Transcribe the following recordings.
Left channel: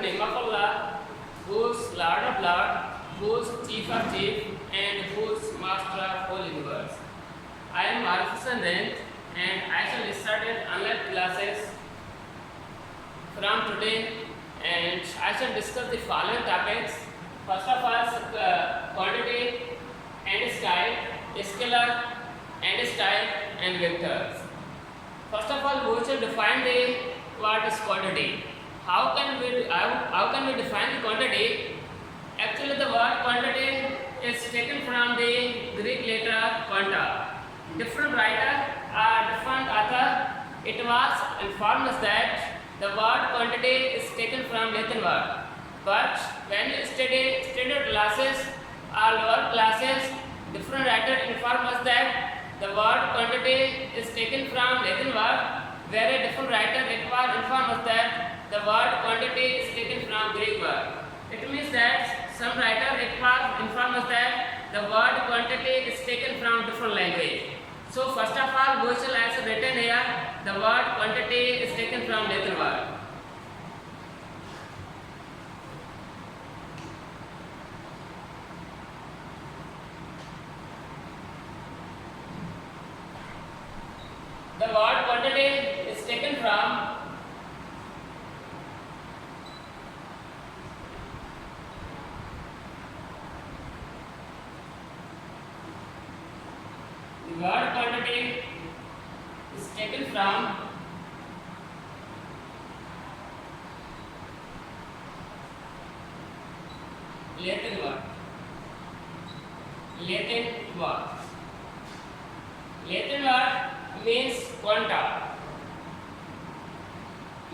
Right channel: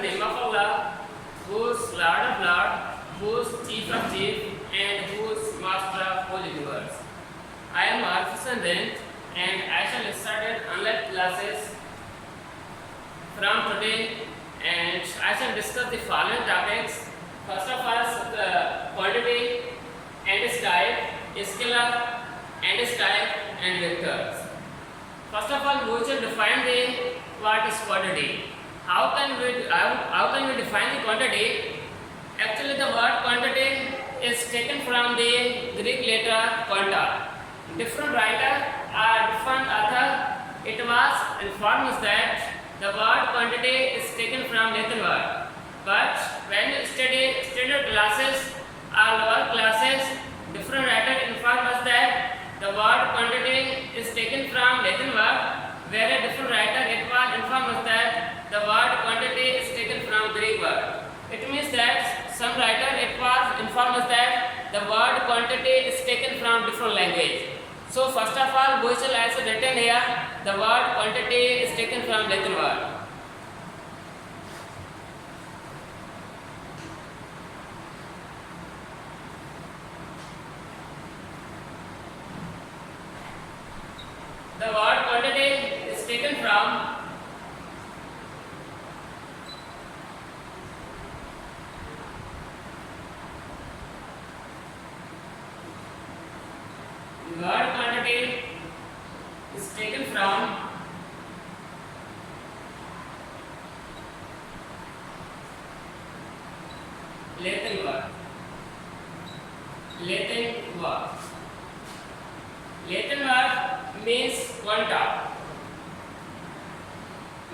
name of Allah, who is Lord of Lord, who is Chief of Chief, and who is Master of whole universe. I am Arif Sandin, and I shall start online classes from today, and I shall discuss the following topics. First of all, quantity and type, scalar and type, and vectors. First of all, we shall define the what is quantity. How can we define the quantity? Actually, the word quantity is taken from the Greek letter quanta. Different writer or different author, it was informed us that the word quantity is taken from Latin word. But when you study standard classes or lower classes, different writer inform us that the word quantity is taken from Latin word, where a different writer it was informed us that the word quantity is taken from Greek word. It means that some writer it was informed us that the word quantity is taken from different language. So first of all, we shall also written here the word quantity is taken from Latin word. The word quantity is taken from Latin word. Latin word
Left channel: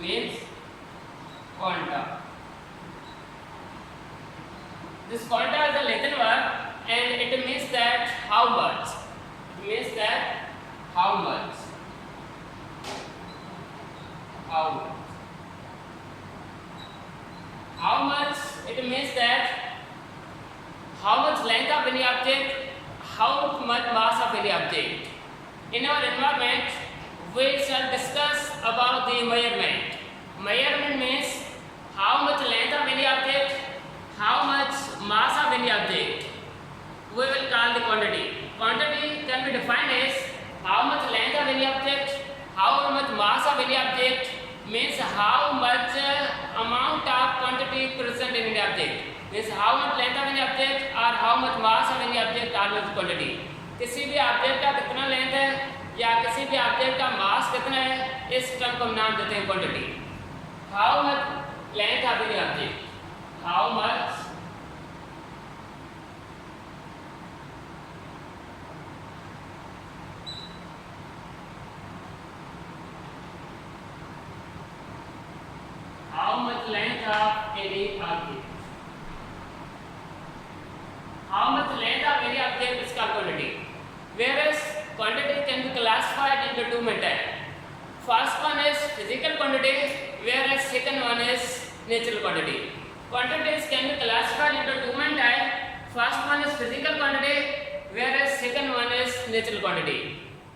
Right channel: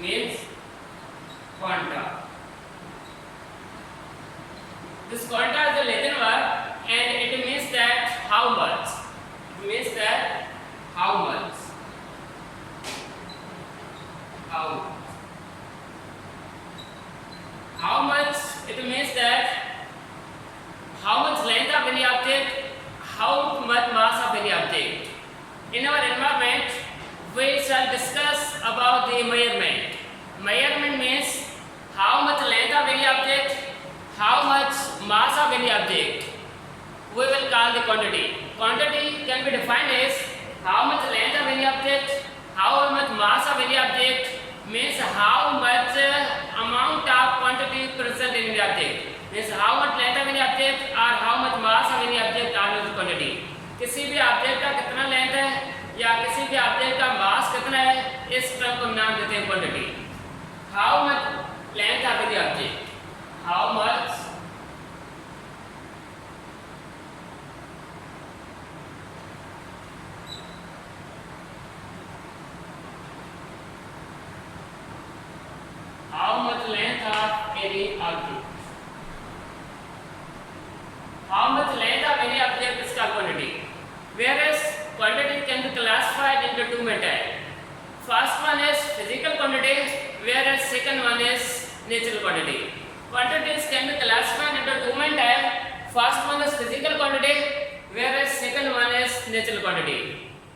means quanta. This quanta is a Latin word and it means that how much. How much, it means that how much length of any object, how much mass of any object. In our environment, we shall discuss about the measurement. Measurement means how much length of any object, how much mass of any object. We will call the quantity. Quantity can be defined as how much length of any object, how much mass of any object, means how much amount of quantity present in the object. Means how much length of any object or how much mass of any object are the quantity. किसी भी object का कितना length है या किसी भी object का मास कितना है, इस टर्म को नाम देते हैं quantity. How much length of the object, how much length of any object. How much length of any object is called quantity. Whereas quantity can be classified into two methods. First one is physical quantity, whereas second one is natural quantity. Quantities can be classified into two methods. First one is physical quantity, whereas second one is natural quantity.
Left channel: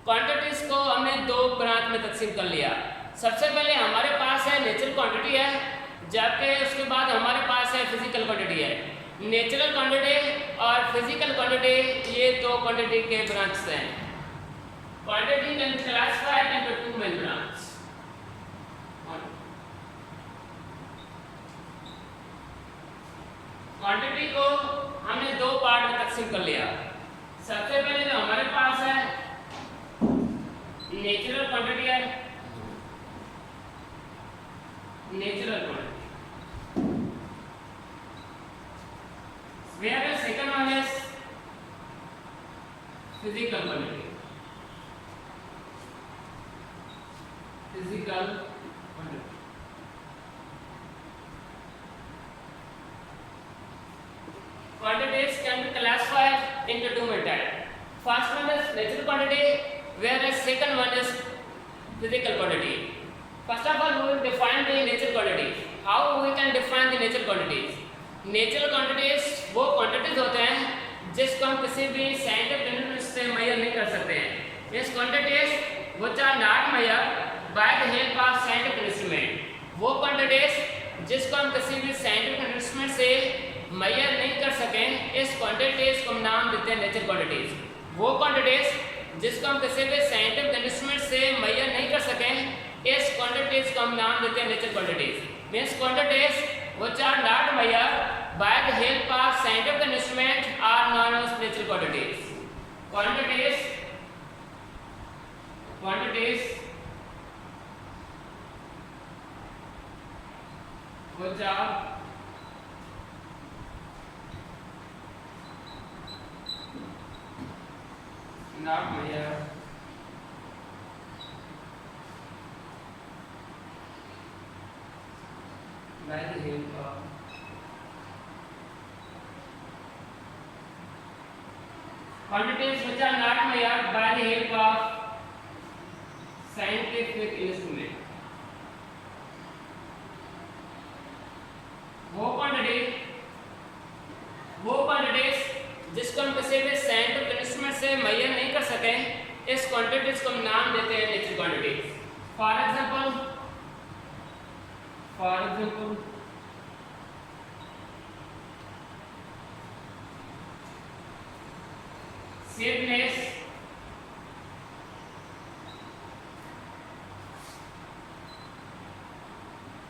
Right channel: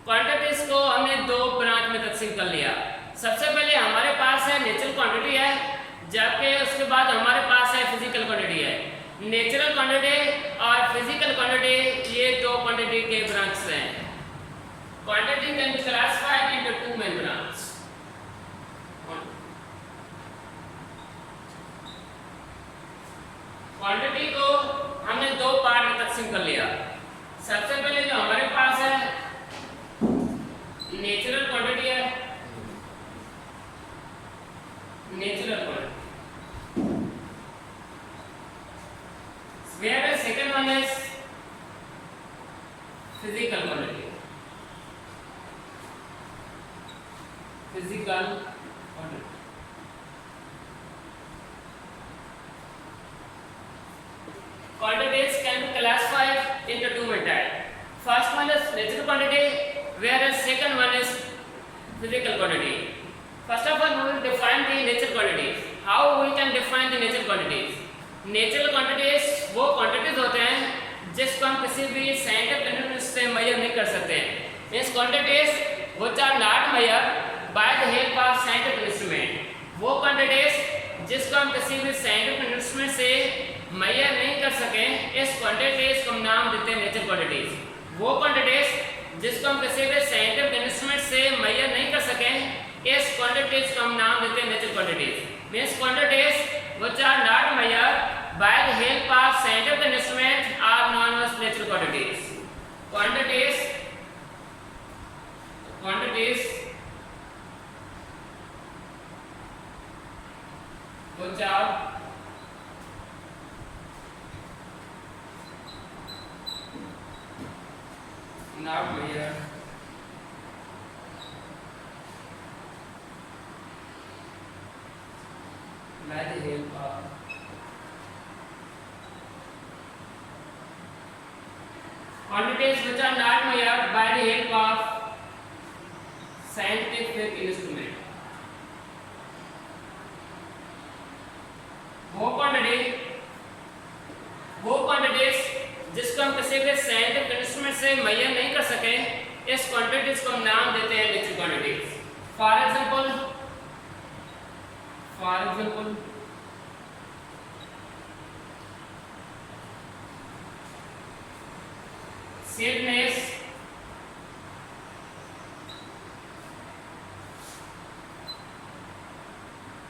Quantities को हमने दो branch में तकसीम कर लिया. सबसे पहले हमारे पास है नेचुरल क्वांटिटी है, जबकि उसके बाद हमारे पास है फिजिकल क्वांटिटी है. नेचुरल क्वांटिटी और फिजिकल क्वांटिटी ये दो क्वांटिटी के ब्रांच हैं. Quantity can be classified into two main branch. Quantity को हमने दो पार्ट में तकसीम कर लिया. सबसे पहले जो हमारे पास है नेचुरल क्वांटिटी है, natural quantity. Whereas second one is physical quantity. Quantities can be classified into two methods. First one is natural quantity, whereas second one is physical quantity. First of all, we will define the natural quantities. How we can define the natural quantities? Natural quantities वो quantities होते हैं जिसको हम किसी भी scientific instrument से major नहीं कर सकते हैं. Means quantities which are not measured by the help of scientific instrument. वो क्वांटिटीज जिसको हम किसी भी साइंटिफिक इंस्ट्रूमेंट से मेजर नहीं कर सकें, इस क्वांटिटीज को हम नाम देते हैं नेचुरल क्वांटिटीज। वो क्वांटिटीज जिसको हम किसी भी साइंटिफिक इंस्ट्रूमेंट से मेजर नहीं कर सकें, इस क्वांटिटीज को हम नाम देते हैं natural quantities. Means quantities which are not measured by the help of scientific instrument are known as natural quantities. Quantities which are not measured by the help of quantities which are not measured by the help of scientific instrument. वो quantities जिसको हम किसी भी scientific instrument से major नहीं कर सके, इस क्वांटिटीज को हम नाम देते हैं natural quantities. For example sweetness,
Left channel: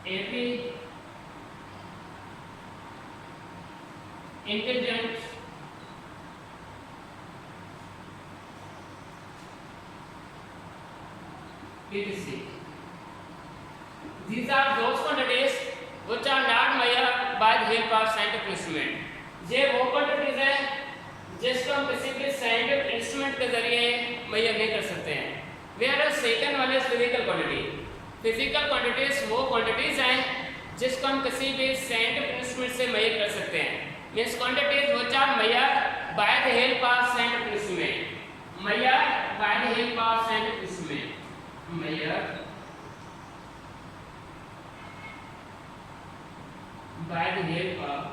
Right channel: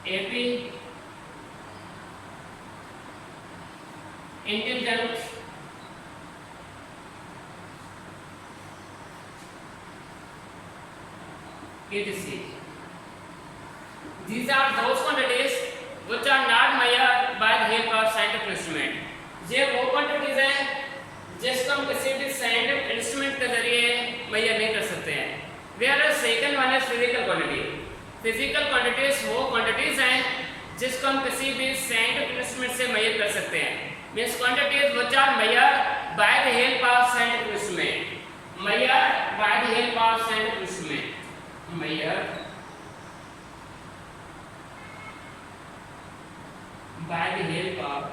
AP, intelligent, etc. These are those quantities which are not measured by the help of scientific instrument. ये वो क्वांटिटीज हैं जिसको हम किसी भी साइंटिफिक इंस्ट्रूमेंट के जरिए मेजर नहीं कर सकते हैं। Where second one is physical quantity. Physical quantities वो क्वांटिटीज हैं जिसको हम किसी भी साइंटिफिक इंस्ट्रूमेंट से मेजर कर सकते हैं। Means quantities which are measured by the help of scientific instrument, measured by the help of scientific instrument, measured by the help of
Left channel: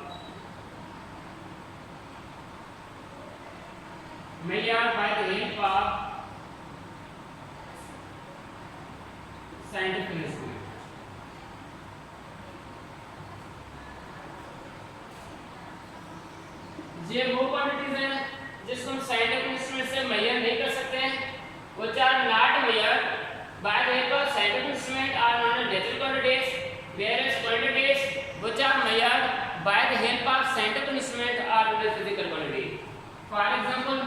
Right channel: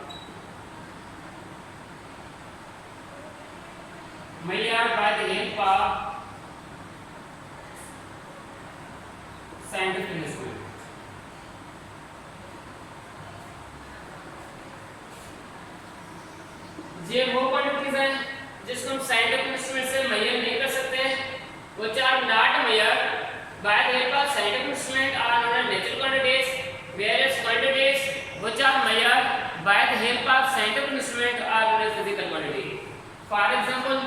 measured by the help of scientific instrument. ये वो quantities हैं जिसको हम scientific instrument से major नहीं कर सकते हैं, which are not measured by the help of scientific instrument are known as natural quantities, whereas quantities which are measured by the help of scientific instrument are known as physical quantity. For example,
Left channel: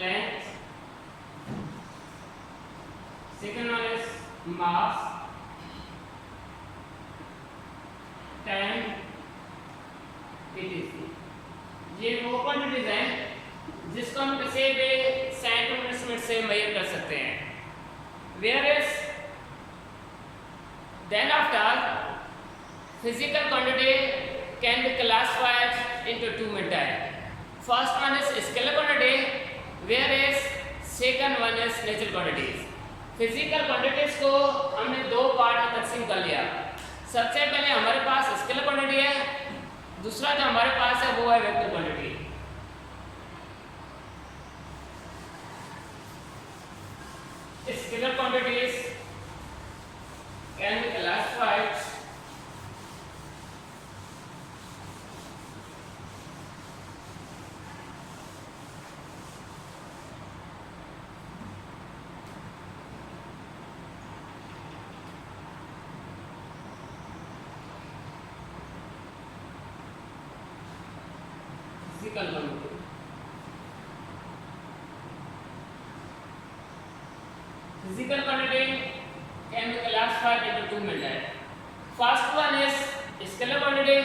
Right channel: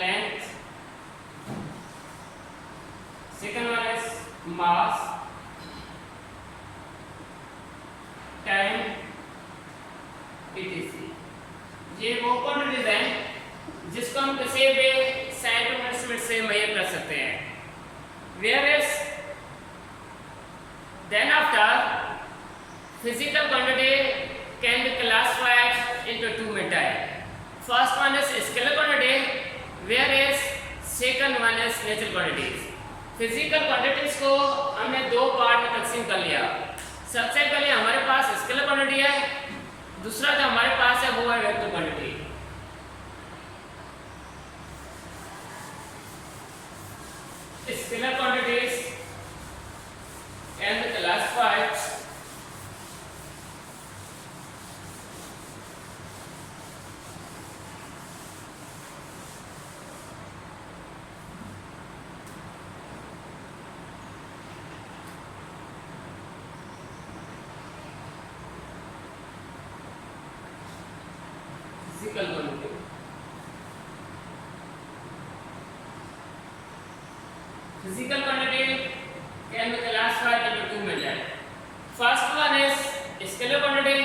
length, second one is mass, time, etc. ये वो quantities हैं जिसको हम किसी भी scientific instrument से major कर सकते हैं। Whereas then after physical quantity can be classified into two methods. First one is scalar quantity, whereas second one is natural quantities. Physical quantities को हमने दो पार्ट में तकसीम कर लिया। सबसे पहले हमारे पास स्केलर क्वांटिटी है, दूसरा जो हमारे पास है वो है vector quantity. Scalar quantities can be classified physical quantity. Physical quantity can be classified into two methods. First one is scalar quantity.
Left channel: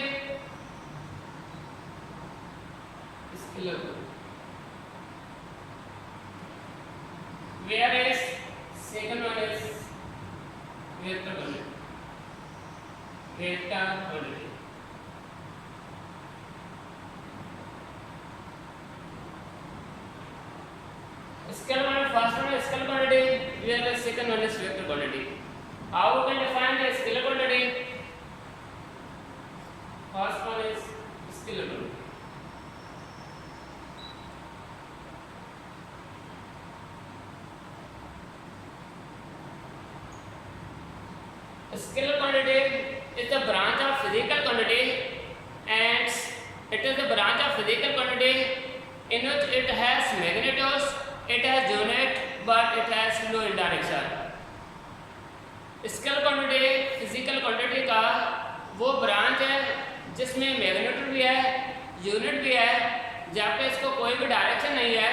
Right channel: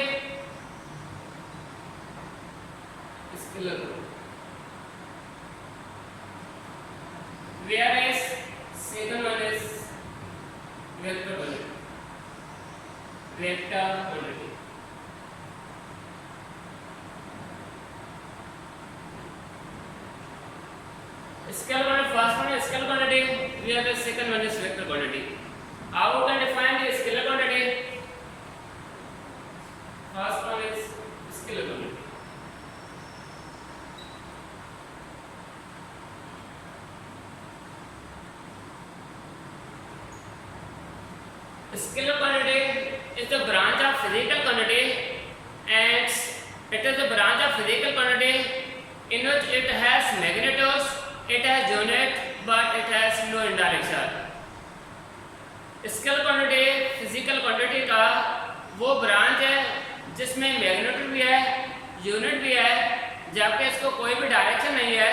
Scalar quantity. Whereas second one is vector quantity. Vector quantity. Scalar quantity, first one is scalar quantity, whereas second one is vector quantity. How we can define the scalar quantity? First one is scalar quantity. Scalar quantity is the branch of physical quantity, and it is the branch of physical quantity in which it has magnitudes, it has unit, but it has flow in direction. Scalar quantity physical quantity का वो branch है जिसमें magnitude भी है, unit भी है, जबकि इसको कोई भी डायरेक्शन नहीं है.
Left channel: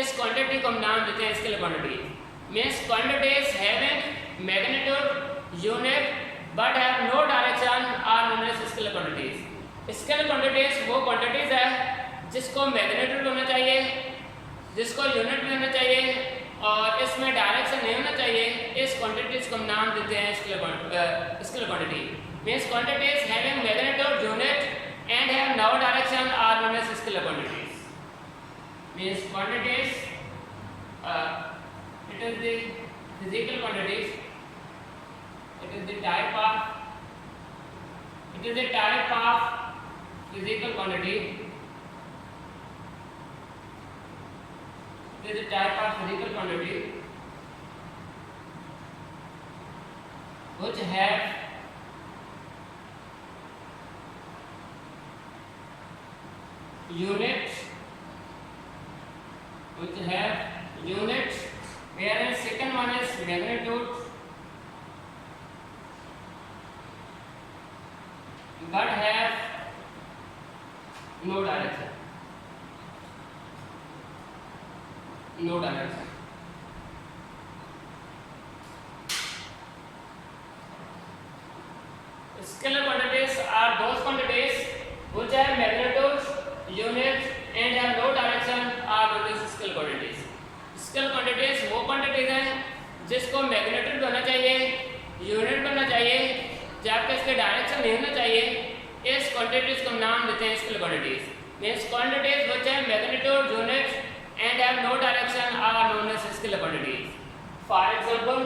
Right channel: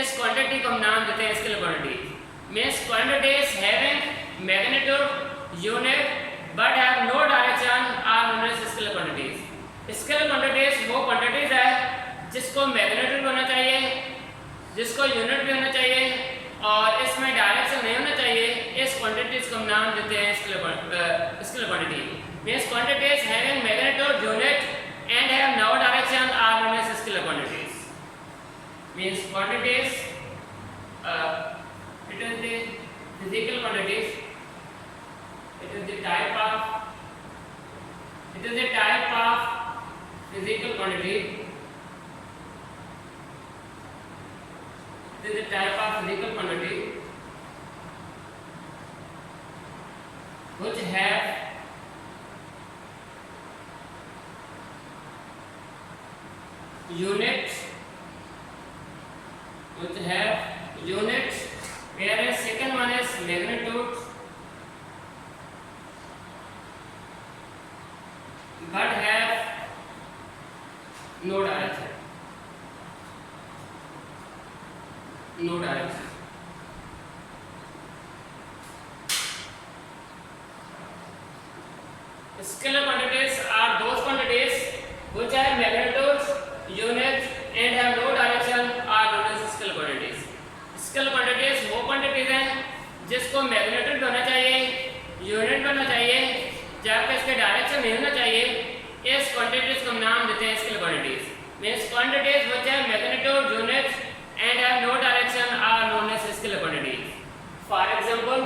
इस क्वांटिटी को हम नाम देते हैं scalar quantity. Means quantities having magnitude, unit but have no direction are known as scalar quantities. Scalar quantities वो क्वांटिटीज है जिसको मैग्नीट्यूड होना चाहिए, जिसको यूनिट भी होना चाहिए और इसमें डायरेक्शन नहीं होना चाहिए. इस क्वांटिटीज को हम नाम देते हैं scalar quantity. Means quantities having magnitude, unit and have no direction are known as scalar quantities. Means quantities it is the physical quantities, it is the type of physical quantity, it is the type of physical quantity which have units, whereas second one is magnitude but have no direction. Scalar quantities are those quantities which have magnitudes, units and have no direction are known as scalar quantities. Scalar quantities वो quantities हैं जिसको magnitude होना चाहिए, unit होना चाहिए, जबकि इसके direction नहीं होना चाहिए. इस क्वांटिटीज को हम नाम देते हैं scalar quantities. Means quantities which have magnitude, unit and have no direction are known as scalar quantities. For example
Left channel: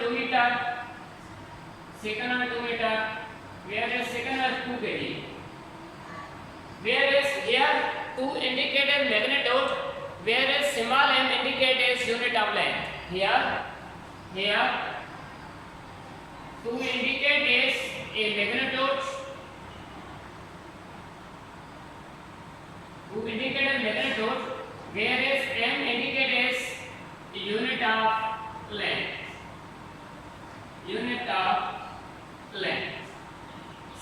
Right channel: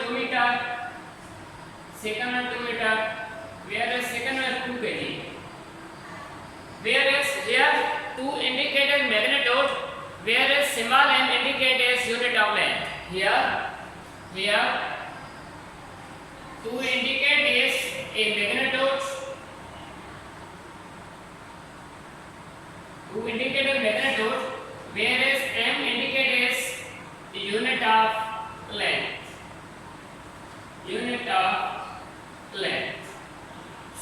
2 meter, second one 2 meter, whereas second one 2 kg. Whereas here 2 indicated magnitude, whereas small m indicates unit of length. Here 2 indicate is a magnitude, 2 indicated magnitude, whereas m indicates unit of length.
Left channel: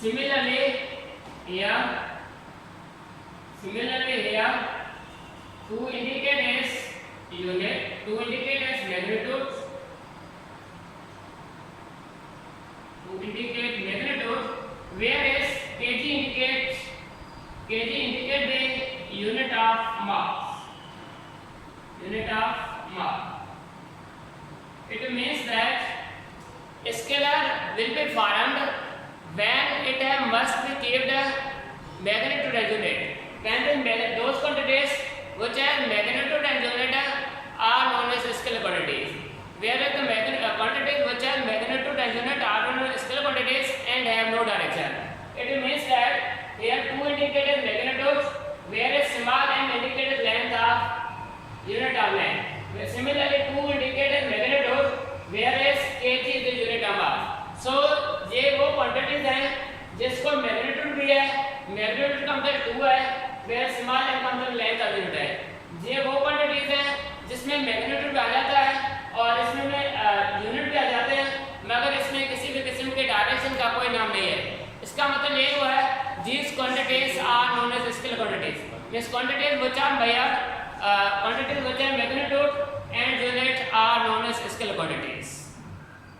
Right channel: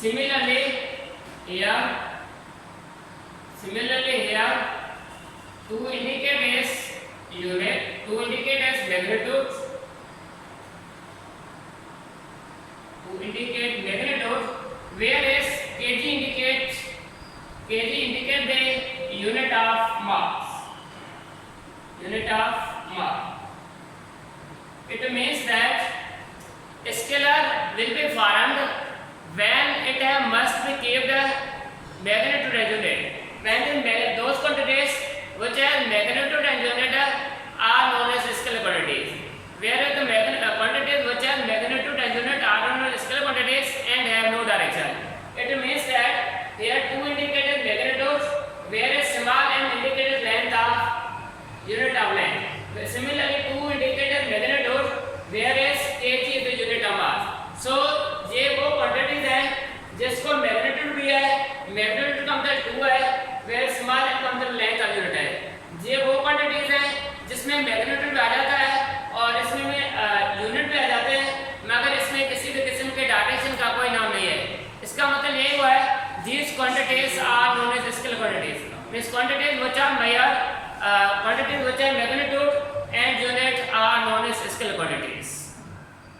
Similarly here 2 indicate as unit, 2 indicate as magnitude, 2 indicate magnitude, whereas kg indicate the unit of mass. It means that scalar will be formed when it must be kept magnitude and unit. When those quantities which have magnitude and unit are known as scalar quantities, whereas the quantities which have magnitude and unit are known as scalar quantities and have no direction. It means that here 2 indicated magnitudes, whereas small m indicated length of unit of length. Similarly 2 indicated magnitude, whereas kg is the unit of mass. So ये वो quantities हैं जिसको magnitude भी है, magnitude का मतलब 2 है, where small m का मतलब लेंथ का यूनिट है. ये वो क्वांटिटीज हैं जिसमें मैग्नीट्यूड आ जाता है और इसमें यूनिट भी आ जाते हैं, मगर इसमें किसी भी किस्म के डायरेक्शन का कोई नाम नहीं है. इसका मतलब ये हुआ है these quantities are known as scalar quantities. Means quantities which are measured, quantities which have magnitude and unit are known as scalar quantities.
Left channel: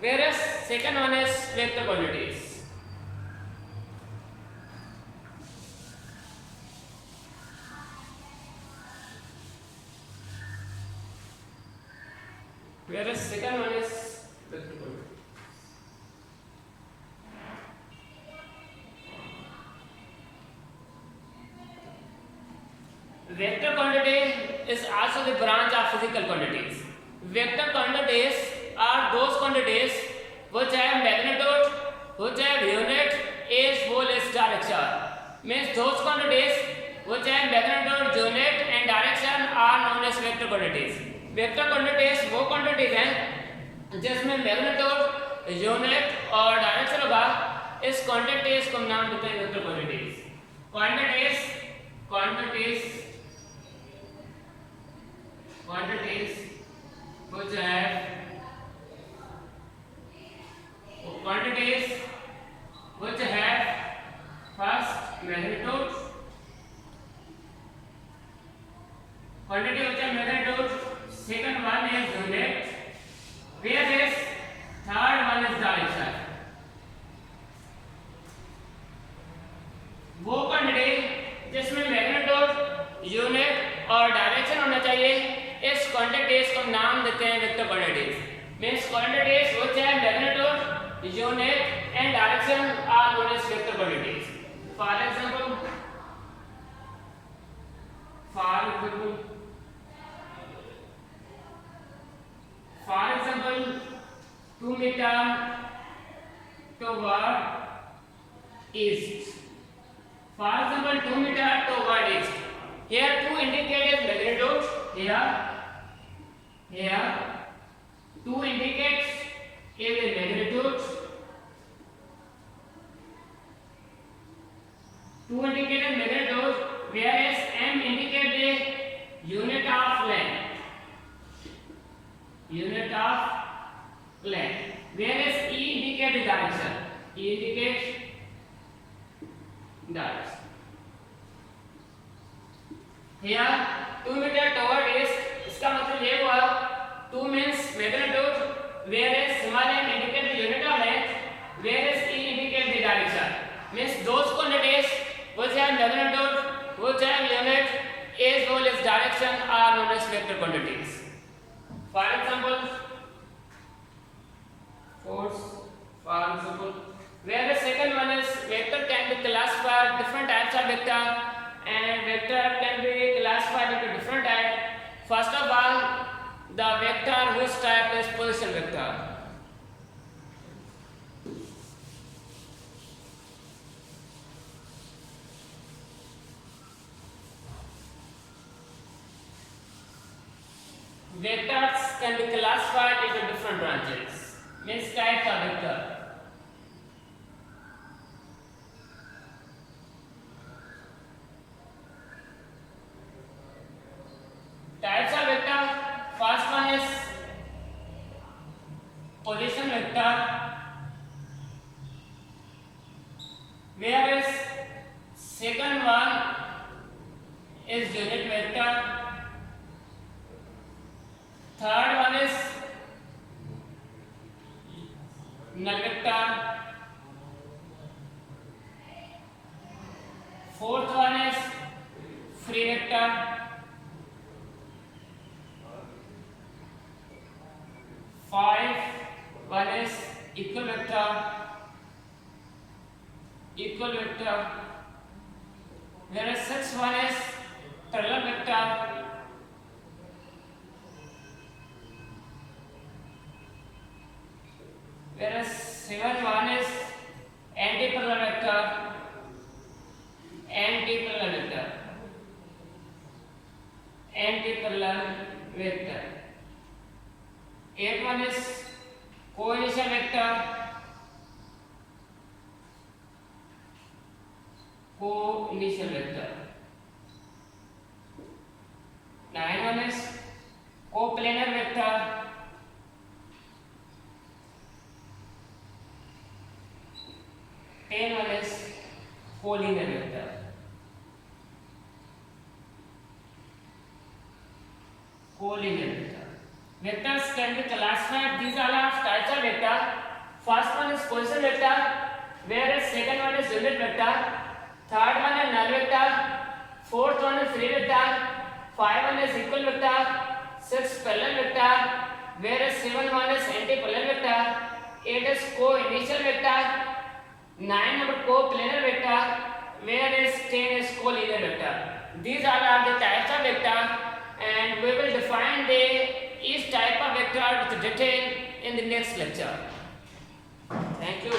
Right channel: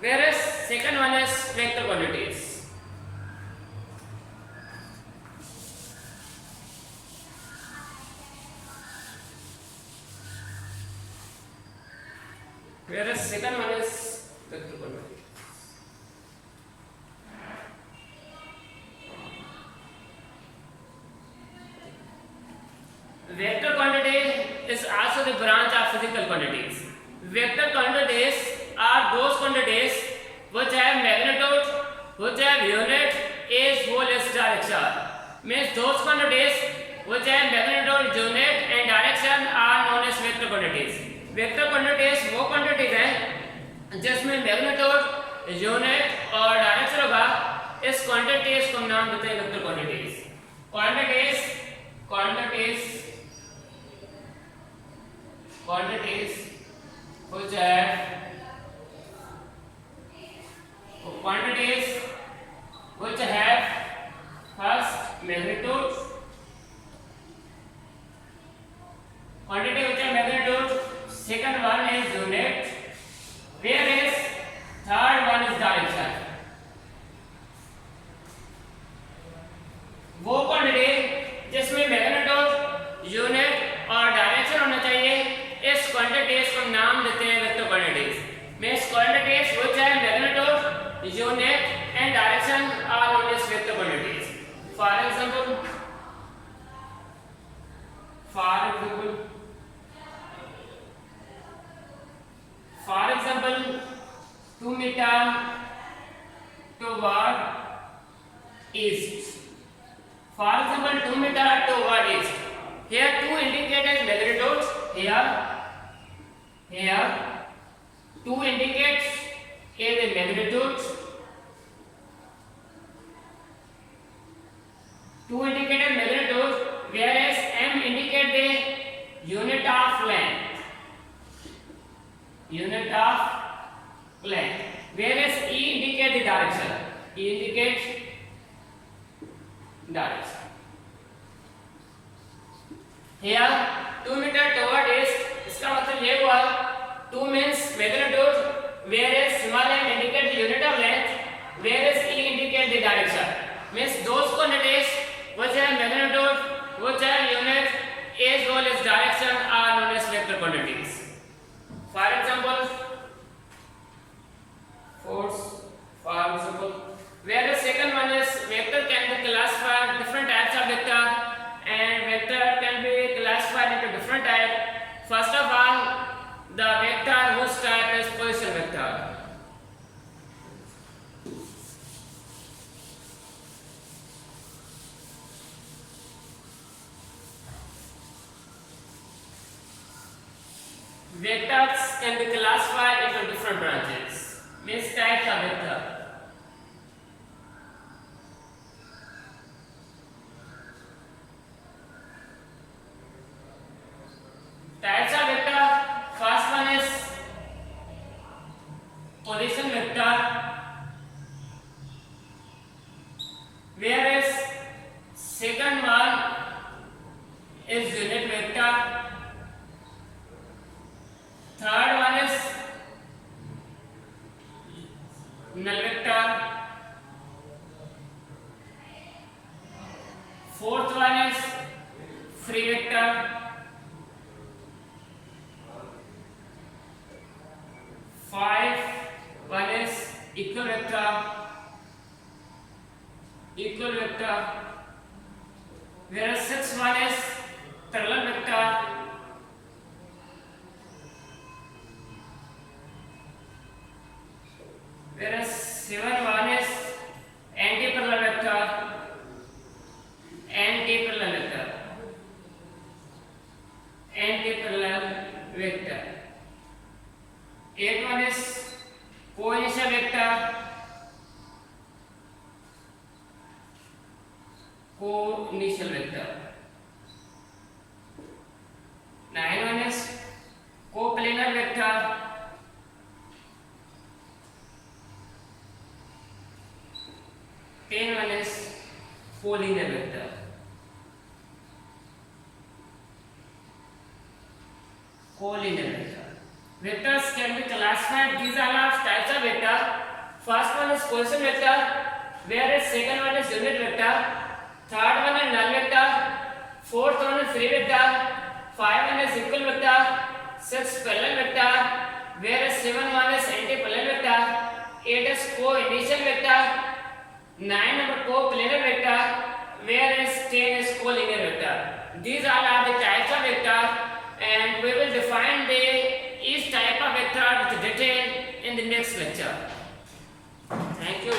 Whereas second one is vector quantities. Whereas second one is vector quantity. Vector quantity is also the branch of physical quantities. Vector quantities are those quantities which have magnitude, which have unit, age, whole, its direction. Means those quantities which have magnitude, unit and direction are known as vector quantities. Vector quantities वो quantities हैं जिसमें magnitude, unit और direction होगा. इस quantities को नाम देते हैं vector quantities. Quantities which have first magnitude, quantity which have magnitude, second one is unit, whereas third one is direction. वो क्वांटिटी जिसमें मैग्नीट्यूड, यूनिट और डायरेक्शन होना चाहिए, इस क्वांटिटीज को नाम देते हैं vector quantities. Means quantities which have magnitude, unit and direction are known as vector quantities. For example 2 meter toward east. For example 2 meter toward east. Here 2 indicate as magnitude. Here 2 indicates as a magnitude. 2 indicate as magnitude, whereas m indicate the unit of length. Whereas e indicate the direction. E indicates direction. Here 2 meter toward east, इसका मतलब ये हुआ 2 means magnitude, whereas small m indicate the unit of length, whereas e indicate the direction. Means those quantities which have magnitude, which have unit as well as direction are known as vector quantities. For example, where the second one is vector can be classified different types of vector, and vector can be classified into different types. First of all, the vector whose type is position vector. Vectors can be classified into different branches. Means types of vector. Types of vector. First one is position vector, whereas second one is unit vector. Third one is null vector. Fourth one is free vector. One is equal vector. Whereas sixth one is parallel vector. Whereas 7 one is anti-parallel vector. 8 one is co-initial vector. 9 one is coplanar vector. 10 one is collinear vector. Vectors can be classified. These are the types of vector. First one is position vector, whereas second one is unit vector. Third one is null vector. Fourth one is free vector. 5 one is equal vector. 6 parallel vector, whereas 7 one is anti-parallel vector. 8 is co-initial vector. 9 number coplanar vector, whereas 10 is collinear vector. These all are the types of vector, and we will define each type of vector with detail in the next lecture. Thank you.